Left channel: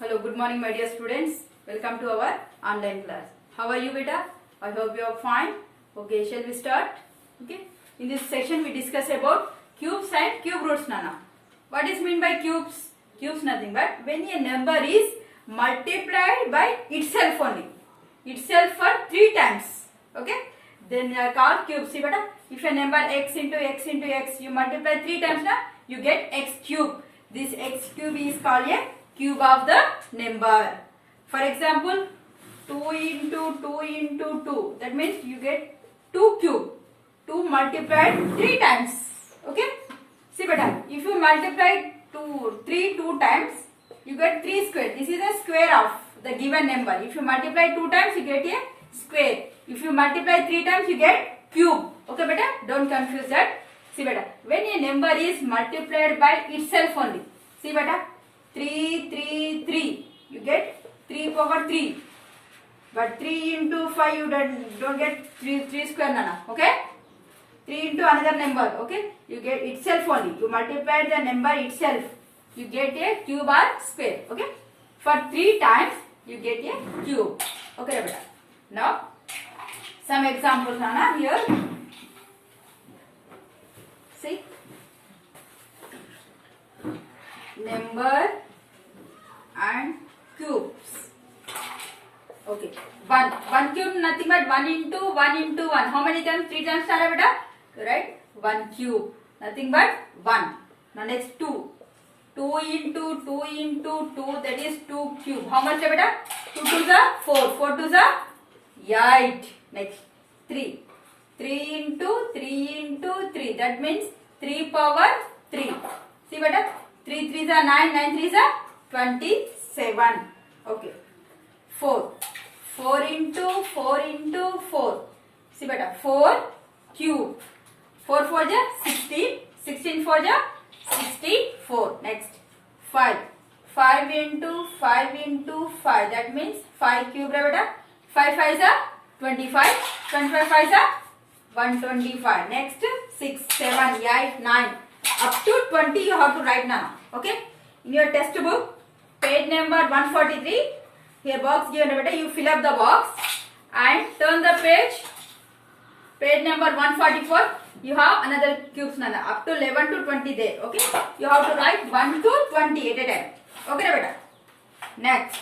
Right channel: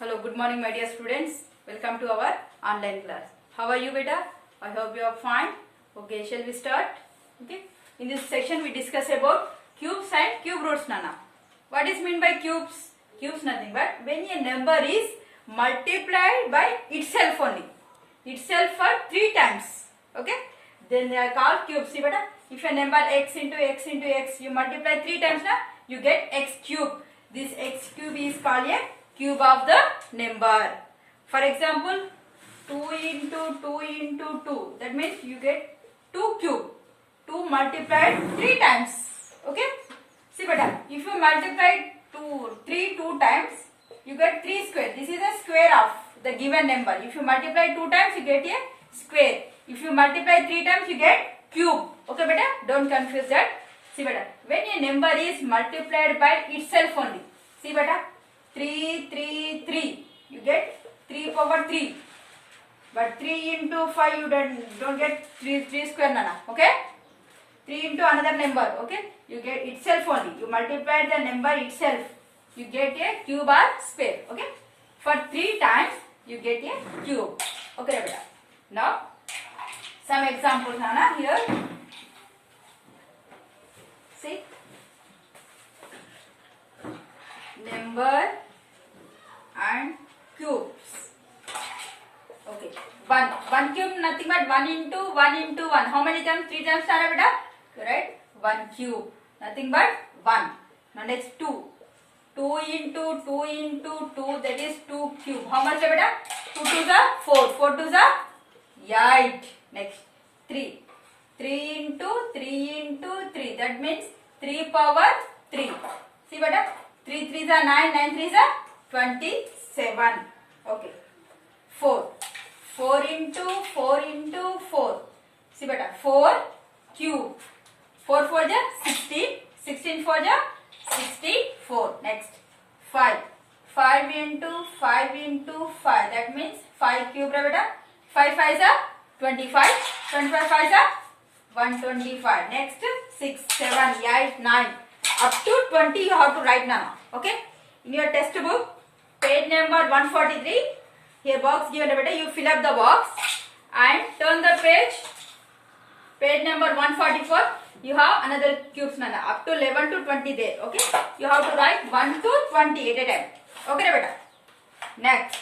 Hello, good morning my dear students. Welcome to our online class. How are you beta? I hope you are fine. Okay, shall we start? Okay. In this session we discuss about cubes and cube roots Nana. What is mean by cubes? Cubes nothing but when a number is multiplied by itself only. Itself for 3 times. Okay. Then they are called cubes. See beta? If a number x into x into x you multiply 3 times na, you get x cube. This x cube is called a cube of the number. For example, 2 into 2 into 2. That means you get 2 cube. 2 multiplied 3 times. Okay. See beta, if you multiply 3 times, you get 3 square. This is the square of the given number. If you multiply 2 times, you get a square. If you multiply 3 times, you get cube. Okay beta, don't confuse that. See beta, when a number is multiplied by itself only. See beta, 3, you get 3 power 3. But 3 into 5, you don't get 3 square nana. Okay? 3 into another number. Okay? You get itself only. You multiply the number itself. You get a cube or square. Okay? For 3 times, you get a cube. Okay beta. Now, some examples nana here. See? Number and cubes. Okay. 1 cube nothing but 1 into 1 into 1. How many times? 3 times star beta? Right? 1 cube. Nothing but 1. Now next 2. 2 into 2 into 2, that is 2 cube. How much beta? 2 2s are 4. 4 2s are 8. Next 3. 3 into 3 into 3. That means 3 power 3. See beta? 3 3s are 9. 9 3s are 27. Okay. 4. 4 into 4 into 4. See beta, 4 cube. 4 4 ja 16. 16 4 ja 64. Next 5. 5 into 5 into 5. That means 5 cube beta. 5 5s are 25. 25 5s are 125. Next 6 7 8 9. Up to 20 you have to write now. Okay. In your text book, page number 143. Here box given beta, you fill up the box and turn the page. Page number 144. You have another cubes nana. Up to 11 to 20 there. Okay. You have to write 1 to 20 at a time. Okay beta. Next.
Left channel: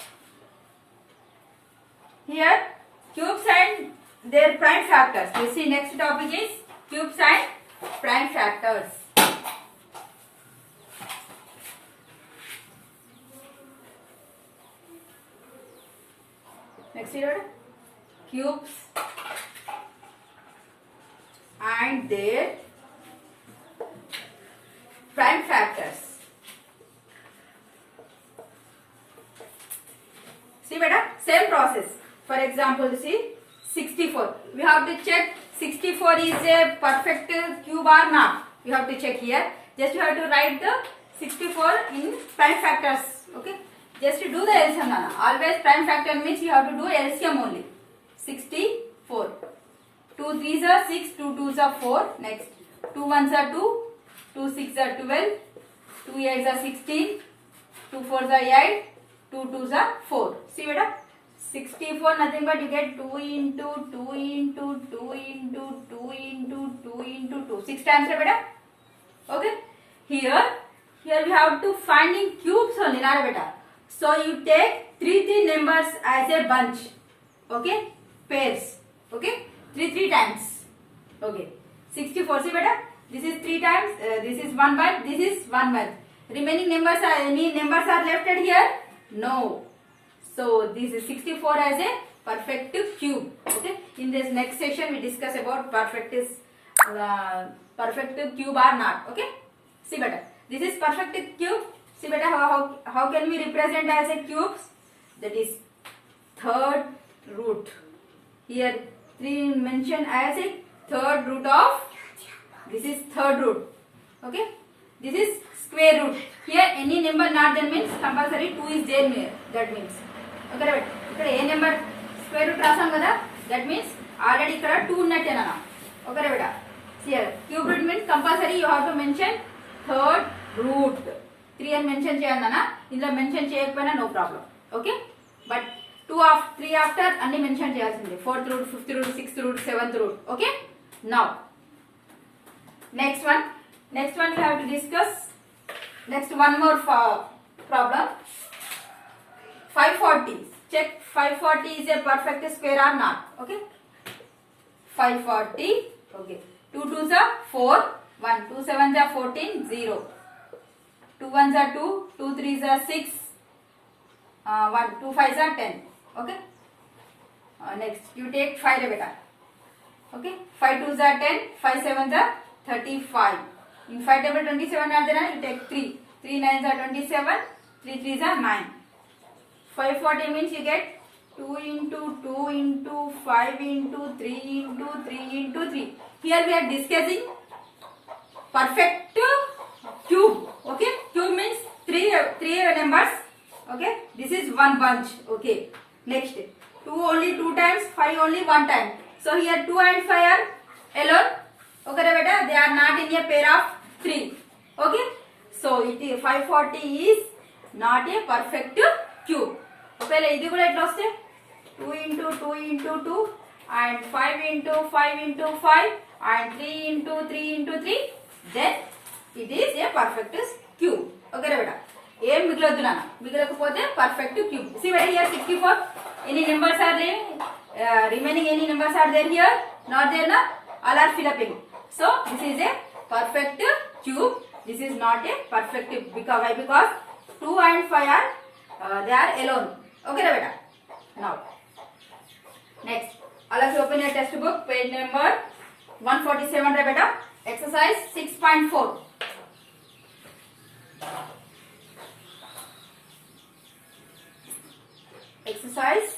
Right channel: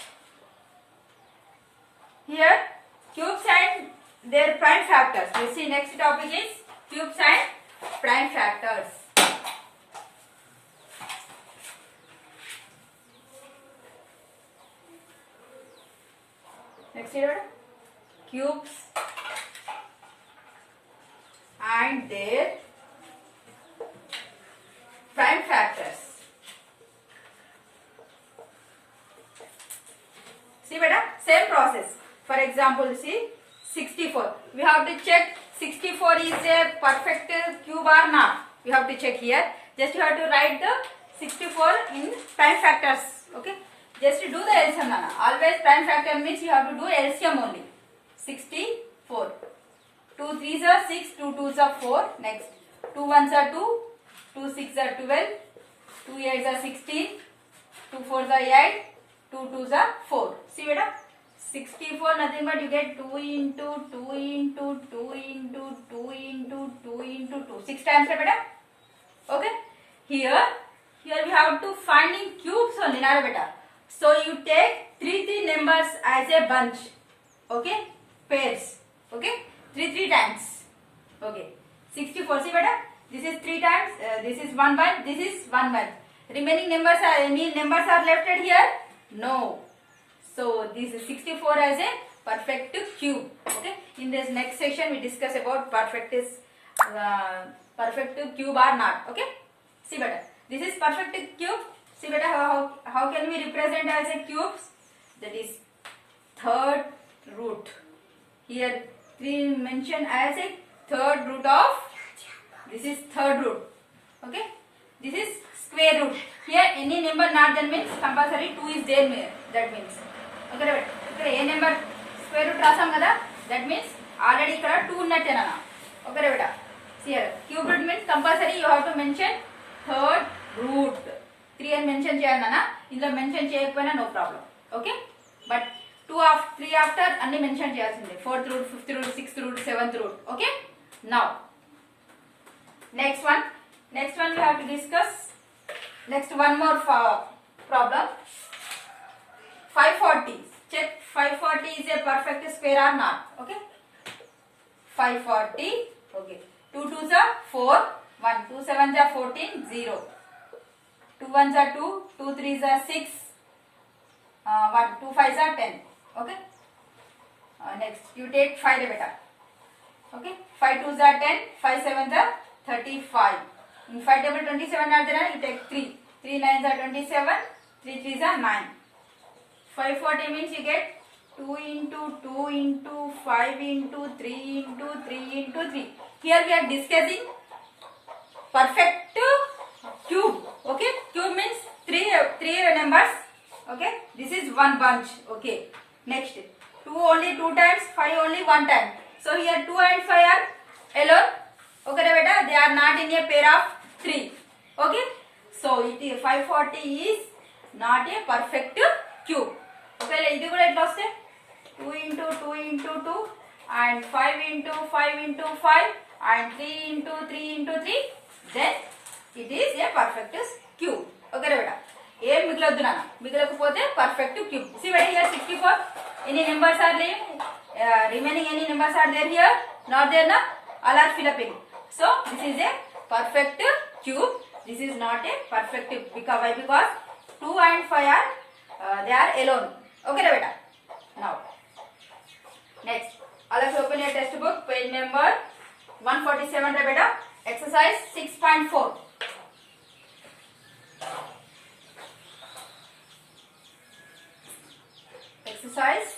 Here cubes and their prime factors. You see next topic is cubes and prime factors. Next here, cubes and their prime factors. See beta, same process. For example, see 64. We have to check 64 is a perfect cube or not. We have to check here. Just you have to write the 64 in prime factors. Okay. Just to do the LCM nana. Always prime factor means you have to do LCM only. 64. 2 3s are 6, 2 2s are 4. Next 2 1s are 2, 2 6s are 12, 2 8s are 16, 2 4s are 8, 2 2s are 4. See beta? 64 nothing but you get 2 into 2 into 2 into 2 into 2 into 2. 6 times beta? Okay? Here we have to find in cubes only nana beta. So you take 3 numbers as a bunch. Okay? Pairs. Okay? 3 times. Okay. 64. See beta? This is 3 times. This is 1 bunch. This is 1 bunch. Remaining numbers are any numbers are left at here? No. So this is 64 as a perfect cube. Okay? In this next session we discuss about perfect cube or not. Okay? See beta? This is perfect cube. See beta, how can we represent as a cubes? That is third root. Here 3 mentioned as a third root of, this is third root. Okay. This is square root. Here any number not there means compulsory 2 is there. That means. Okay beta. Here a number square root rasam kada. That means already ikkada 2 unnate nana. Okay beta. See here cube root means compulsory you have to mention third root. 3 అని mention చేయండి అన్న. ఇందులో mention చేయకపోయినా no problem. Okay, but 2 3 after అన్ని mention చేయాల్సింది. 4th root, 5th root, 6th root, 7th root. Okay, now next one we have to discuss. Next one more problem. 540. Check 540 is a perfect square or not. Okay, 540. Okay, 2 2s are 4, 1 2 7s are 14, 0 2 1s are 2, 2 3s are 6, 1 2 5s are 10. Okay, next you take 5 beta. Okay, 5 2s are 10, 5 7s are 35. In 5 table 27 are there, you take 3, 3 9s are 27, 3 3s are 9. 540 means you get 2 into 2 into 5 into 3 into 3 into 3. Here we are discussing perfect cube. Okay, cube means 3 numbers. Okay, this is one bunch. Okay, next 2 only 2 times, 5 only 1 time. So here 2 and 5 are alone. Okay beta, they are not in a pair of 3. Okay, so it is 540 is not a perfect cube. Okay, ఇది కూడా ఎట్లా వస్తే 2 into 2 into 2 and 5 into 5 into 5 and 3 into 3 into 3, then it is a perfect cube. Okay beta, ఏం మిగలొద్దు నాన్న, మిగలకపోతే perfect cube. See beta, here 64, any numbers are there, remaining any numbers are there here, not there na, all are fill up in. So this is a perfect cube. This is not a perfect cube. Because 2 and 5 are they are alone. Okay beta. Now next, all of you open your textbook, page number 147 beta. Exercise 6.4. Exercise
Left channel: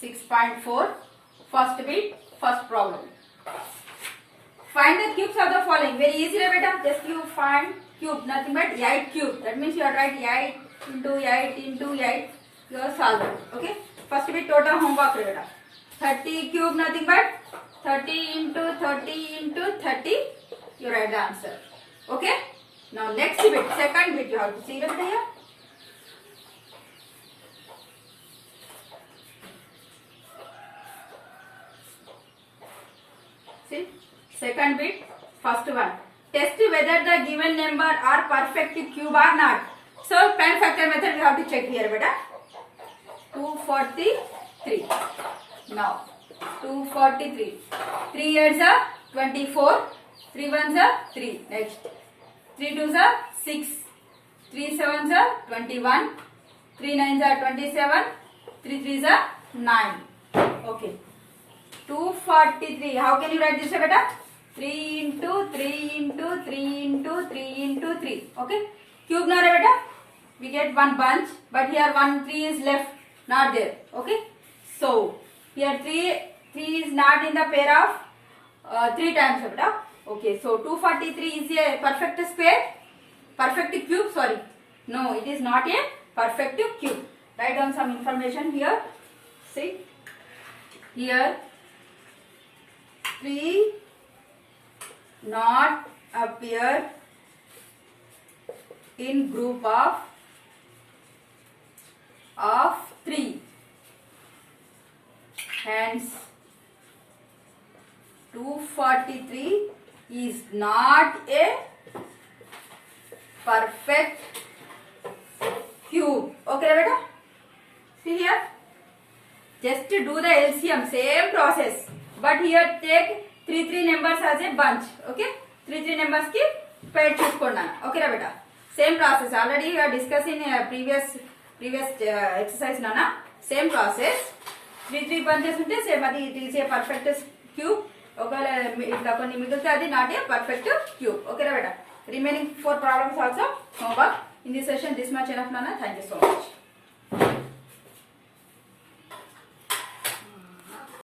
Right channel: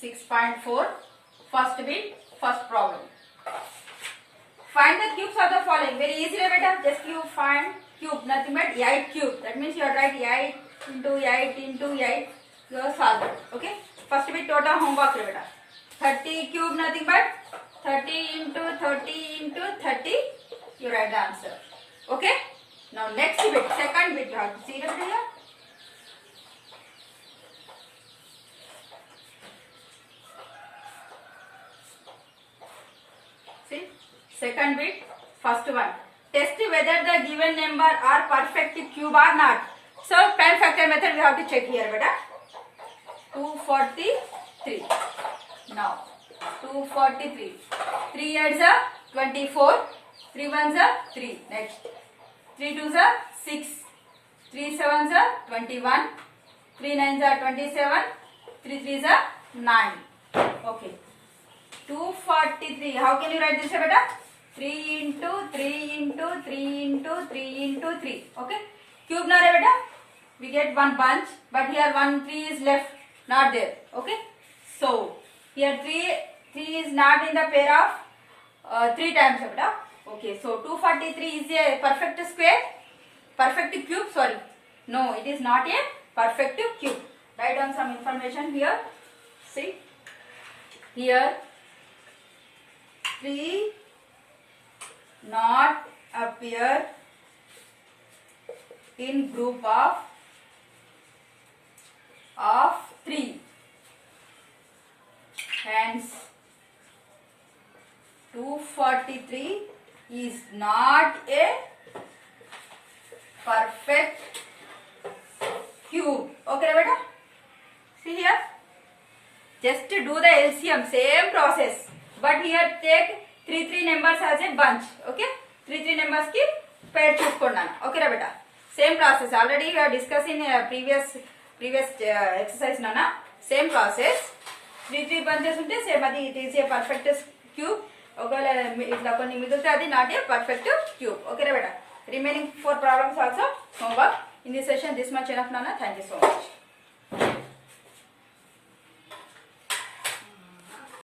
6.4. First bit, first problem. Find the cubes of the following. Very easy beta. Just you find cube, nothing but 8 cube. That means you are write 8 into 8 into 8. You are solving. Okay. First bit total homework beta. 30 cube, nothing but 30 into 30 into 30. You write the answer. Okay. Now next bit, second bit you have to see it here. See. Second bit, first one. Test whether the given number are perfect cube or not. So, time factor method we have to check here, beta. 243. Now, 243. 3 8s are 24. 3 1s are 3. Next. 3 2s are 6. 3 7s are 21. 3 9s are 27. 3 3s are 9. Okay. 243. How can you write this, beta? 3 into 3 into 3 into 3 into 3. Okay. Cube na re beta. We get one bunch, but here 1 3 is left, not there. Okay. So here 3 is not in the pair of 3 times beta. Okay. So 243 is a perfect square, perfect cube. Sorry. No, it is not a perfect cube. Write down some information here. See. Here 3 not appear in group of 3. Hence 243 is not a perfect cube. Okay beta? See here. Just to do the LCM, same process. But here take 3 numbers as a bunch. Okay, 3 numbers ki pair chuskonnanu. Okay beta, same process. Already we are discussing previous exercise nana. Same process. 3 bunches unte same adi, it is a perfect cube. Okay, itla konni migulite adi not a perfect cube. Okay beta, remaining 4 problems also homework. In this session this much enough nana. Thank you so much.